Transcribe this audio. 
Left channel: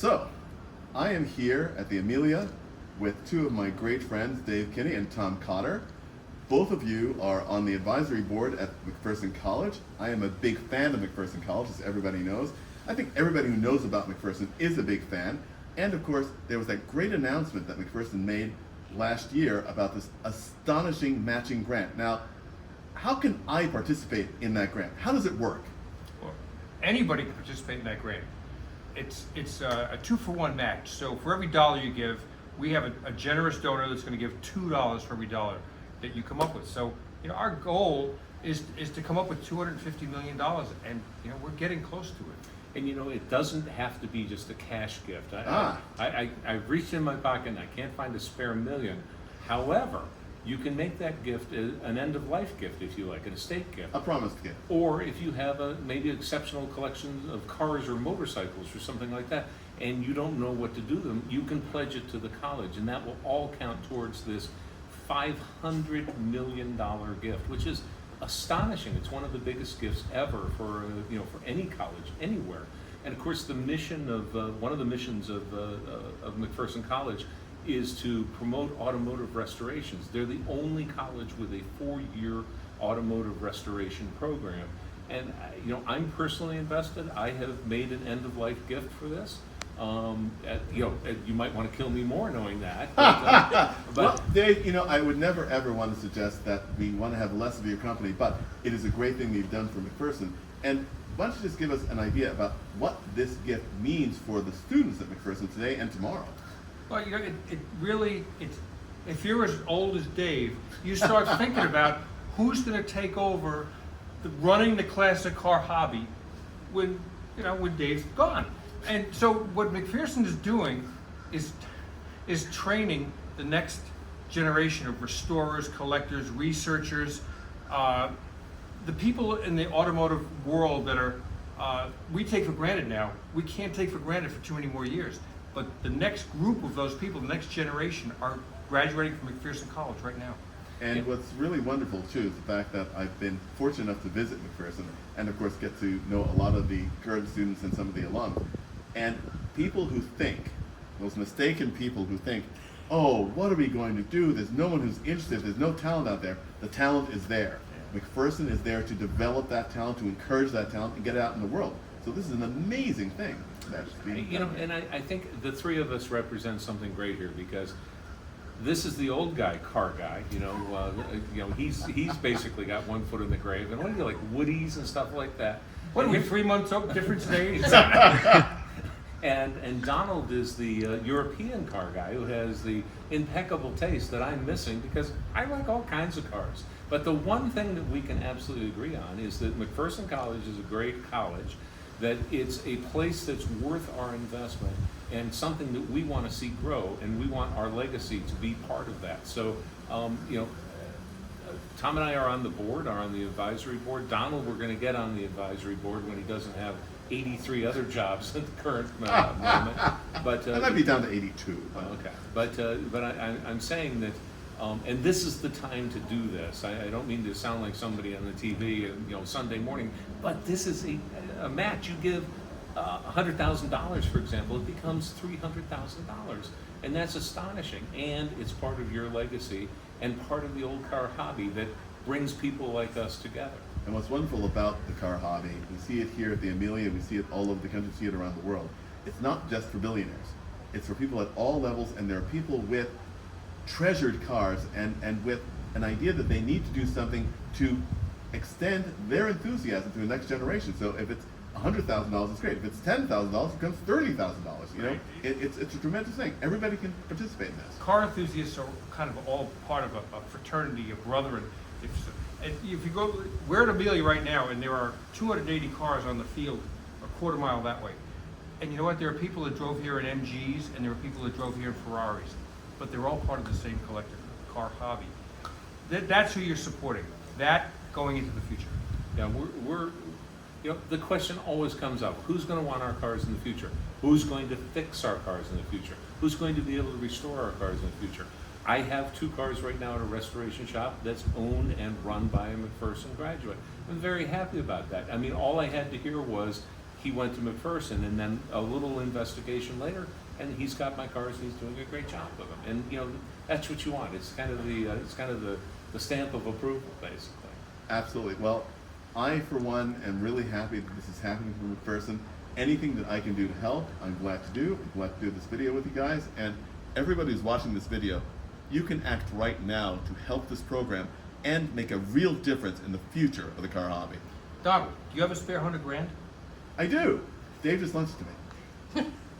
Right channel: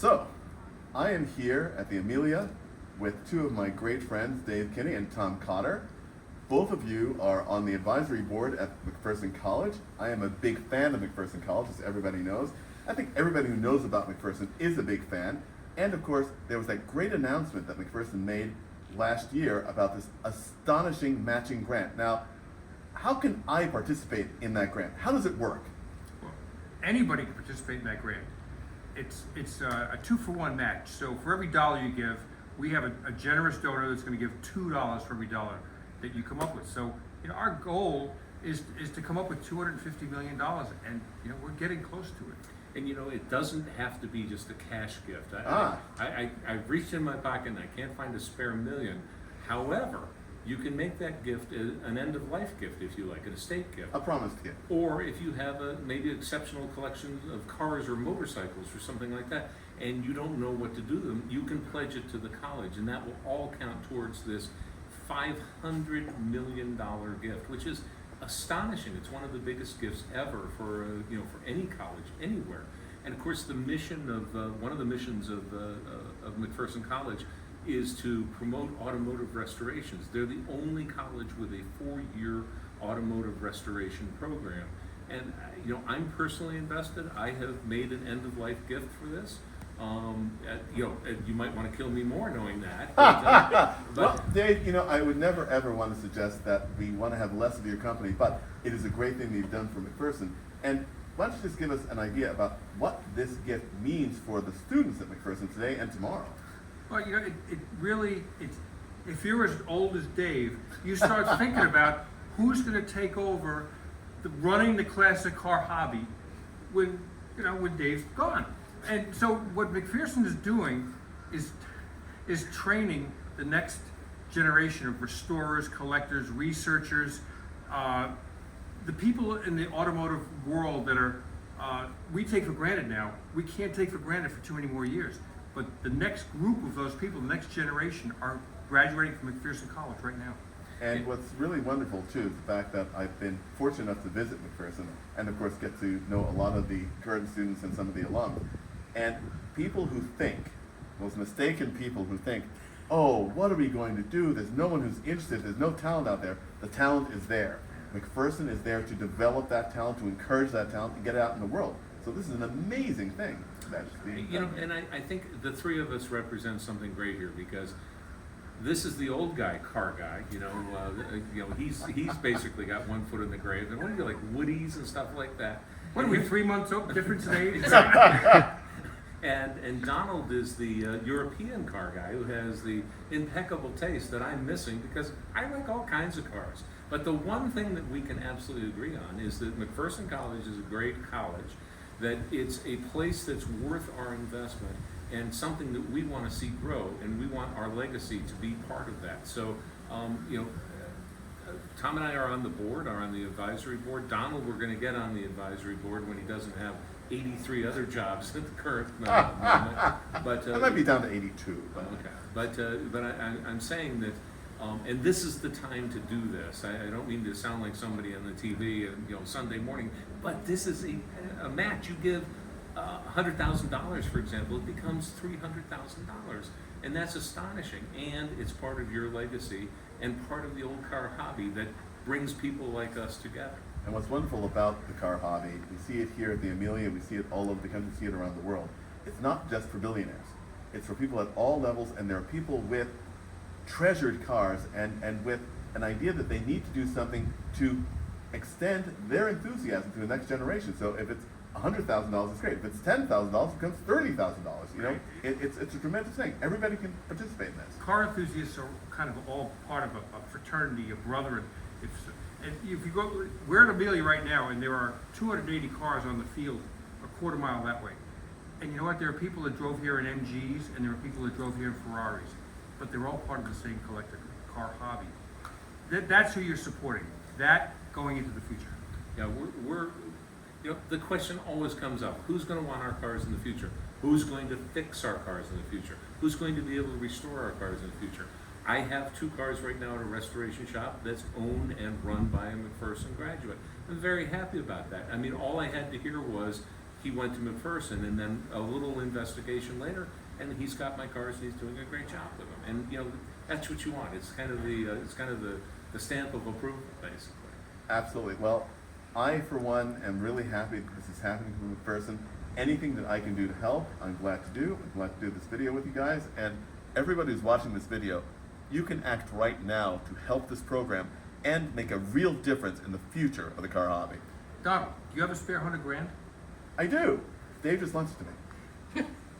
So, I am here at the Amelia with two of my great friends, Dave Kinney and Tom Cotter. Both of you are on the advisory board at McPherson College. I am a big fan of McPherson College, as everybody knows. I think everybody who knows about McPherson is a big fan. And of course, there was that great announcement that McPherson made last year about this astonishing matching grant. Now, how can I participate in that grant? How does it work? Well, anybody can participate in that grant. It's a 2-for-1 match. So for every dollar you give, we have a generous donor that's going to give $2 for every dollar that you come up with. So our goal is to come up with $250 million, and we're getting close to it. And it doesn't have to be just a cash gift. I reached in my pocket and I can't find a spare million. However, you can make that gift an end-of-life gift, if you like, an estate gift. A promised gift. Or if you have maybe exceptional collection of cars or motorcycles or something like that, and you don't know what to do with them, you can pledge it to the college, and that will all count towards this $500 million gift, which is astonishing. It's one of the biggest gifts ever for any college anywhere. And of course, the mission of one of the missions of McPherson College is to promote automotive restorations. They're the only college with a 4-year automotive restoration program. And I'm personally invested. I have made an end-of-life gift for this. You might want to kill me more knowing that. But well, Dave, I would never ever want to suggest that we want to have less of your company, but it is a great thing that you've done for McPherson. And why don't you just give us an idea about what this gift means for the students at McPherson today and tomorrow? Well, if you're as old as Dave, you start thinking about who's going to take over running the classic car hobby when Dave's gone. And so what McPherson is doing is training the next generation of restorers, collectors, researchers, the people in the automotive world that are we take for granted now. We can't take for granted for too many more years. But the next group of those people, the next generation, are graduating from McPherson College right now. And what's really wonderful too is the fact that I've been fortunate enough to visit McPherson and of course get to know a lot of the current students and some of the alum. And people who think, those mistaken people who think, oh, what are we going to do? There's no one who's interested, there's no talent out there. The talent is there. McPherson is there to develop that talent, to encourage that talent and get it out in the world. So this is an amazing thing that's being done. And I think the three of us represent something great here, because this is the old guy, car guy. He's basically got one foot in the grave. And what do you like, Woodies and stuff like that? What are we, 3 months up, difference in age? And Donald is the European car guy who has the impeccable taste that I'm missing, because I like all kinds of cars. But the one thing that we can absolutely agree on is that McPherson College is a great college, that it's a place that's worth our investment and something that we want to see grow, and we want our legacy to be part of that. So, Tom and I are on the board, are on the advisory board. Donald, we're going to get on the advisory board when he doesn't have 83 other jobs at the current moment. But I might be down to 82. But. Okay, but I'm saying that, and this is the time to do this. I don't mean to sound like somebody on the TV, Sunday morning, but this is a match. You give $100,000, for example, it becomes $300,000, and that's astonishing. And it's part of your legacy and part of the old car hobby that brings people like us together. And what's wonderful about the car hobby, we see it here at the Amelia, we see it all over the country, we see it around the world. It's not just for billionaires. It's for people at all levels, and there are people with treasured cars and with an idea that they need to do something to extend their enthusiasm to the next generation. So if it's $100,000, it's great. If it's $10,000, it becomes $30,000. It's a tremendous thing. Everybody can participate in this. Car enthusiasts are kind of all part of a fraternity, a brotherhood. If you go, we're at Amelia right now, and there are 280 cars on the field, a quarter mile that way. And you know what? There are people that drove here in MGs, and there are people that drove here in Ferraris, but they're all part of the same collective car hobby. That's who you're supporting. That going into the future. Yeah, we're the question always comes up: who's going to want our cars in the future? Who's going to fix our cars in the future? Who's going to be able to restore our cars in the future? I have 2 cars right now at a restoration shop that's owned and run by a McPherson graduate. I'm very happy about that. I mean, all I had to hear was, he went to McPherson, and then a little investigation later, and he's got my cars, and he's doing a great job with them. And you know, that's what you want. It's kind of the stamp of approval, basically. Absolutely. Well, I, for one, am really happy that this is happening to McPherson. Anything that I can do to help, I'm glad to do. I'm glad to do this video with you guys. And everybody who's watching this video, you can act right now to help this program and make a real difference in the future of the car hobby. Donald, do you have a spare $100 grand? I do. Dave just lent it to me.